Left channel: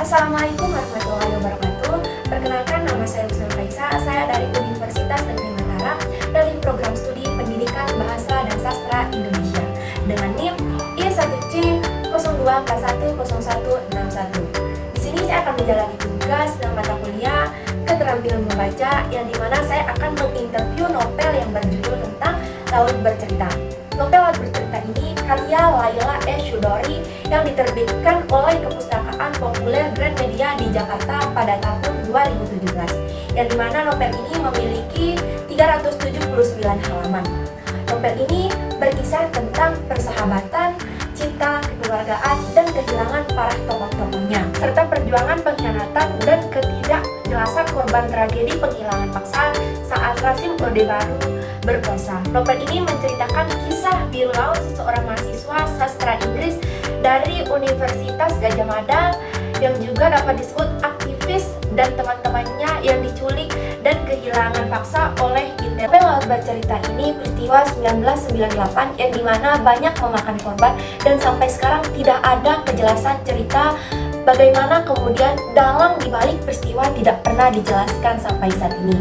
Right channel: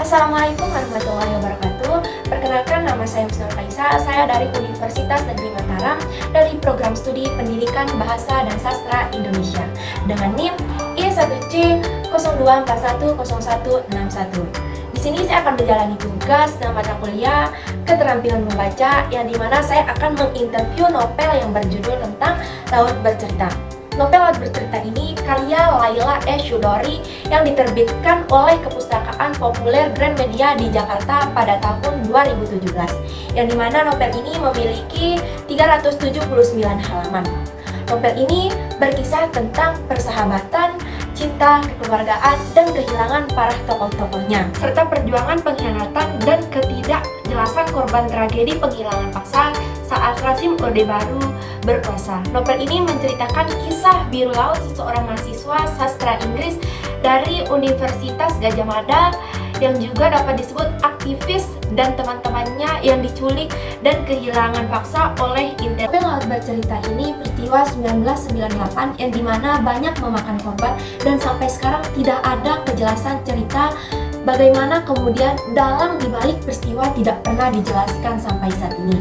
Assalamualaikum warahmatullahi wabarakatuh. Perkenalkan, nama saya Husna Kaisa. Saya dari Universitas Negeri Mataram dari Program Studi Pendidikan Bahasa dan Sastra Indonesia dengan NIM I1C 02410161. Di sini saya akan menjalani tugas dalam mata kuliah keterampilan membaca, yang dimana saya akan menginterview novel yang berjudul tentang Laut Bercerita. Novel Laut Bercerita ini karya Laila S. Chudori yang diterbitkan oleh Kepustakaan Populer Gramedia di Jakarta pada tahun 2017, yang dimana novel ini memiliki 379 halaman. Novel ini berkisah tentang persahabatan, cinta, kekeluargaan, dan kehilangan para tokoh-tokohnya, serta perjuangan pengkhianatan dan ketidakjelasan korban tragedi penghilangan paksa saat rezim Orde Baru berkuasa. Novel ini menceritakan kisah biru laut seseorang mahasiswa sastra Inggris dari Universitas Gadjah Mada yang juga dapat disebut aktivis dan teman-temannya yang diculik dan kehilangan paksa oleh Intel. Novel Laut Bercerita ini peristiwa 1998 yang dimana banyak memakan korban dan sampai sekarang tidak ada kejelasan cerita bagaimana kemudian dalang dibalik peristiwa tidak pernah dijelaskan sampai saat ini.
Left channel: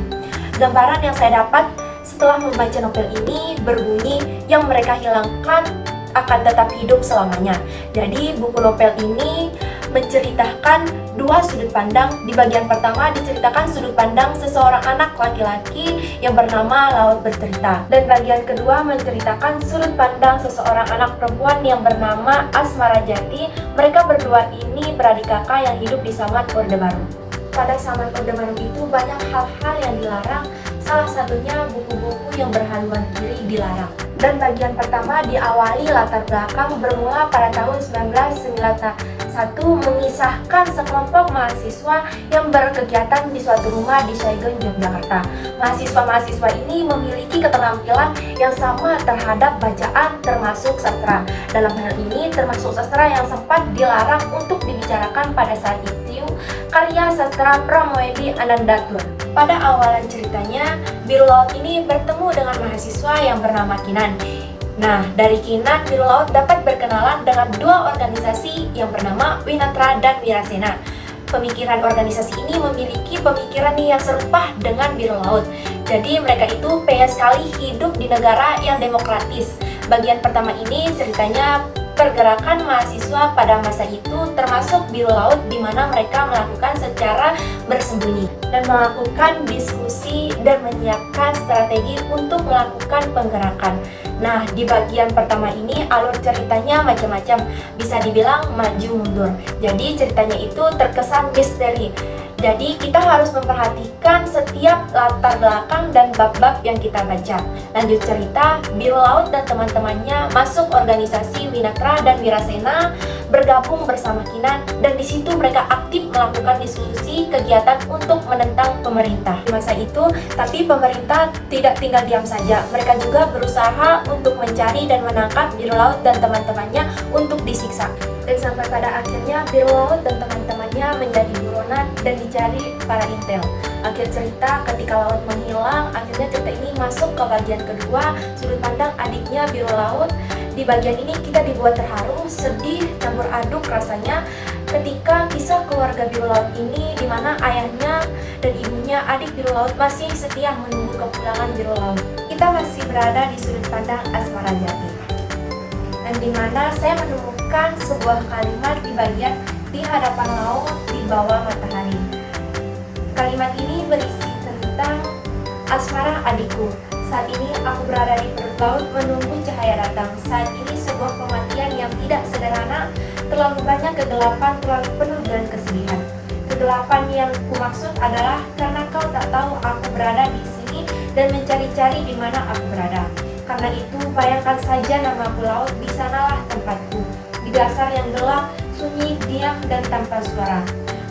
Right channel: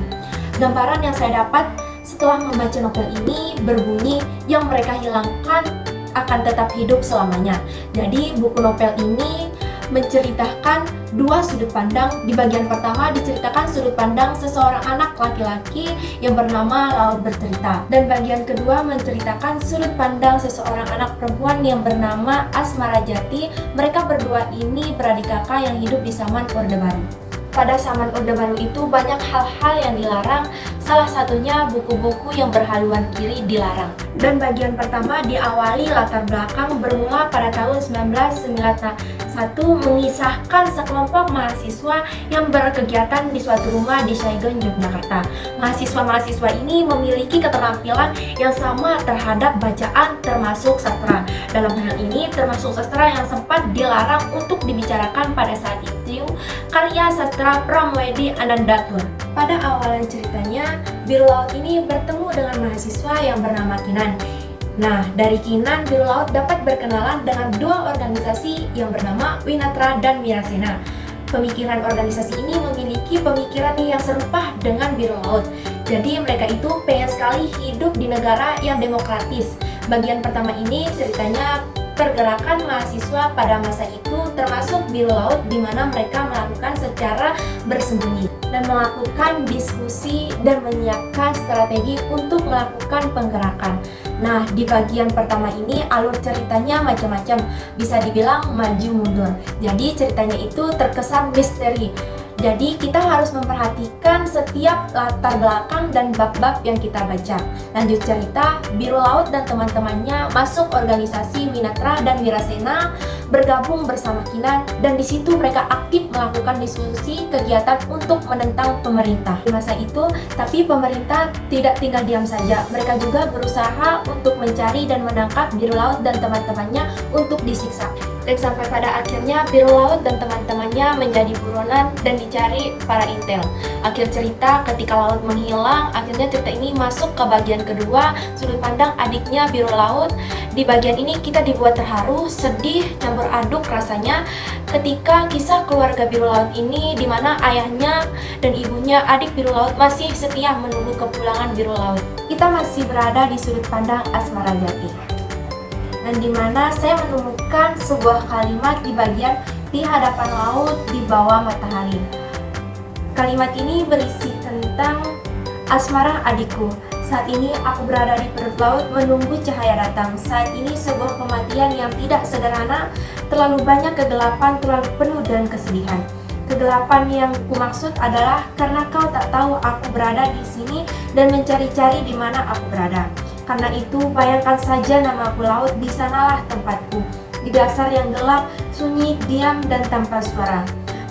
Gambaran yang saya dapat setelah membaca novel ini berbunyi yang mereka hilangkan akan tetap hidup selamanya. Jadi buku novel ini menceritakan dua sudut pandang. Di bagian pertama diceritakan sudut pandang seseorang anak laki-laki yang bernama Laut Bercerita, dan bagian kedua menceritakan sudut pandang seseorang anak perempuan yang bernama Asmara Jati. Mereka berdua ini beradik kakak yang hidup di zaman Orde Baru. Pada zaman Orde Baru itu banyak hal-hal yang dilarang, salah satunya buku-buku yang berhaluan kiri dilarang. Dan bagian pertama diawali latar belakang bermula pada tahun 1991 mengisahkan sekelompok mahasiswa yang berkegiatan di suatu rumah di Saigon, Yogyakarta. Mahasiswa-mahasiswa ini memiliki keterampilan yang sama terhadap bacaan termasuk sastra. Dalam hal ini termasuk sastra yang sempat dilarang untuk dibicarakan pada saat itu, karya sastra Pramoedi Anandatur. Pada awalan ceritanya, biru laut ini bertemu dengan mahasiswa yang bernama Kinan. Nah, dari Kinan, biru laut dapat berkenalan dengan dua organisasi yang bernama Winatra dan Wirasena. Pemikiran organisasi ini memiliki pemikiran yang serupa dengan biru laut. Jadi mereka itu pengen sekali hidup di negara yang demokratis. Bagian pertama ini ceritanya pergerakan mahasiswa pada masa itu, termasuk biru laut, di mana mereka melakukan secara bersembunyi dan melakukan diskusi dan menyiapkan strategi untuk melakukan penggerakan. Nah, di bagian pertama ini alur ceritanya macam-macam, bisa dibilang maju mundur. Jadi ceritanya itu terkesan misteri. Jadi kita harus memperhatikan setiap latar belakang dan bab-bab yang kita baca. Lanjut cerita, biru laut dan teman-temannya masuk organisasi Winatra dan Wirasena, bergabung bersama Kinan, dan di situ mereka aktif melakukan diskusi kegiatan untuk menentang pemerintah. Di masa itu, tapi pemerintah tidak tinggal diam saja. Mereka juga berusaha untuk mencari dan menangkap biru laut dan teman-temannya untuk disiksa. Dan sampai pada akhirnya biru laut dan teman-temannya menjadi buronan dan dicari para intel. Akhir cerita, ketika laut menghilang, akhirnya cerita ini masuk ke bagian kedua, sudut pandang adiknya biru laut. Di bagian ini kita dibuat terharu, sedih, campur aduk rasanya ketika kisah keluarga biru laut ini, di mana ayahnya dan ibunya adik biru laut masih setia menunggu kepulangan biru laut. Kita masih berada di sudut pandang Asmara Jati, dan di mana saya menemukan sebuah kalimat di bagian di hadapan laut di bawah matahari. Kalimat ini berisi tentang Asmara adikku. Saat ini aku berada di perut laut menunggu cahaya datang. Saat ini sebuah kematian yang tidak sederhana, terlalu banyak kegelapan, terlalu penuh dengan kesedihan. Kegelapan yang kumaksud adalah karena kau tak tahu aku berada di sini dan mencari-cari di mana aku berada. Karena itu, bayangkan saja namaku laut, di sanalah tempatku. Di dasar yang gelap, sunyi, diam, dan tanpa suara.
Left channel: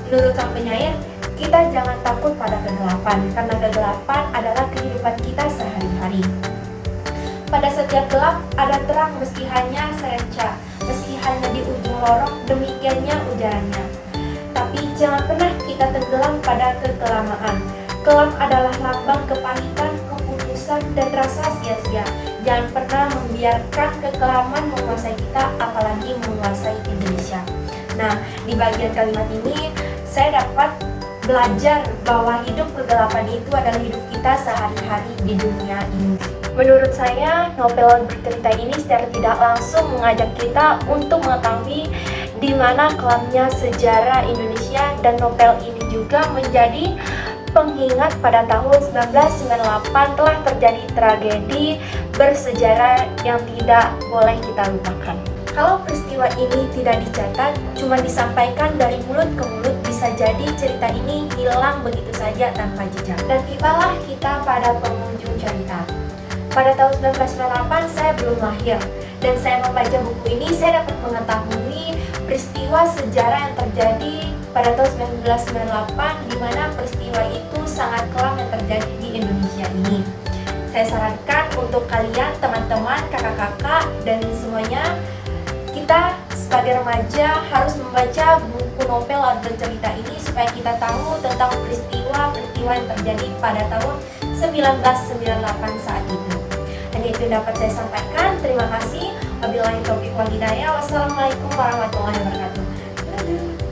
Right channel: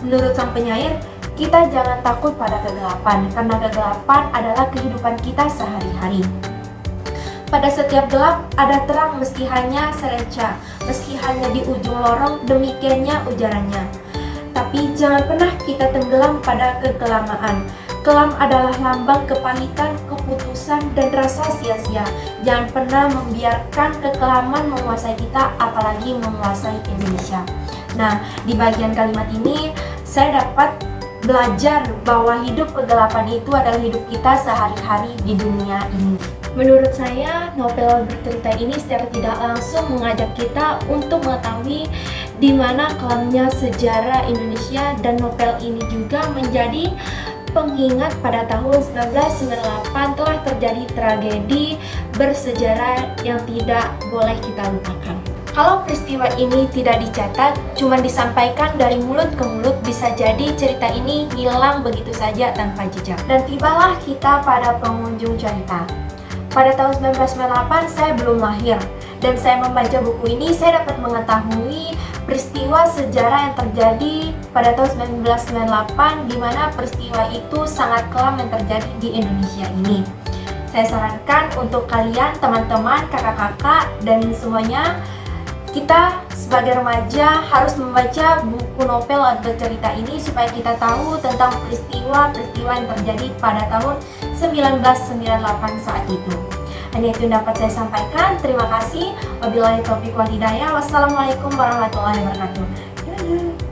Menurut sang penyair, kita jangan takut pada kegelapan, karena kegelapan adalah kehidupan kita sehari-hari. Pada setiap gelap, ada terang meski hanya serenca. meski hanya di ujung lorong, demikiannya ujarannya. Tapi jangan pernah kita tenggelam pada kekelamaan. Kelam adalah lambang kepahitan, keputusan, dan rasa sia-sia. Jangan pernah membiarkan kekelaman menguasai kita, apalagi menguasai Indonesia. Nah, di bagian kalimat ini saya dapat belajar bahwa hidup kegelapan itu adalah hidup kita sehari-hari di dunia ini. Menurut saya, novel bercerita ini secara tidak langsung mengajak kita untuk mengetahui di mana kelamnya sejarah Indonesia, dan novel ini juga menjadi pengingat pada tahun 1998 telah terjadi tragedi bersejarah yang tidak boleh kita lupakan. Kalau peristiwa ini tidak dicatat, cuma disampaikan dari mulut ke mulut, bisa jadi cerita ini hilang begitu saja tanpa jejak. Dan tibalah kita pada penghujung cerita. Pada tahun 1998 saya belum lahir, dan saya membaca buku ini saya dapat mengetahui peristiwa sejarah yang terjadi pada tahun 1998, di mana peristiwa itu sangat kelam yang terjadi di Indonesia ini. Saya sarankan untuk kalian, teman-teman, kakak-kakak, dan semuanya, kita sebagai remaja harus membaca buku novel atau cerita ini supaya kita tahu tentang peristiwa-peristiwa yang terjadi pada tahun 1998 saat itu. Hanya itu yang dapat saya sampaikan. Terima kasih. Wabillahi taufiq wal hidayah. Wassalamualaikum warahmatullahi wabarakatuh.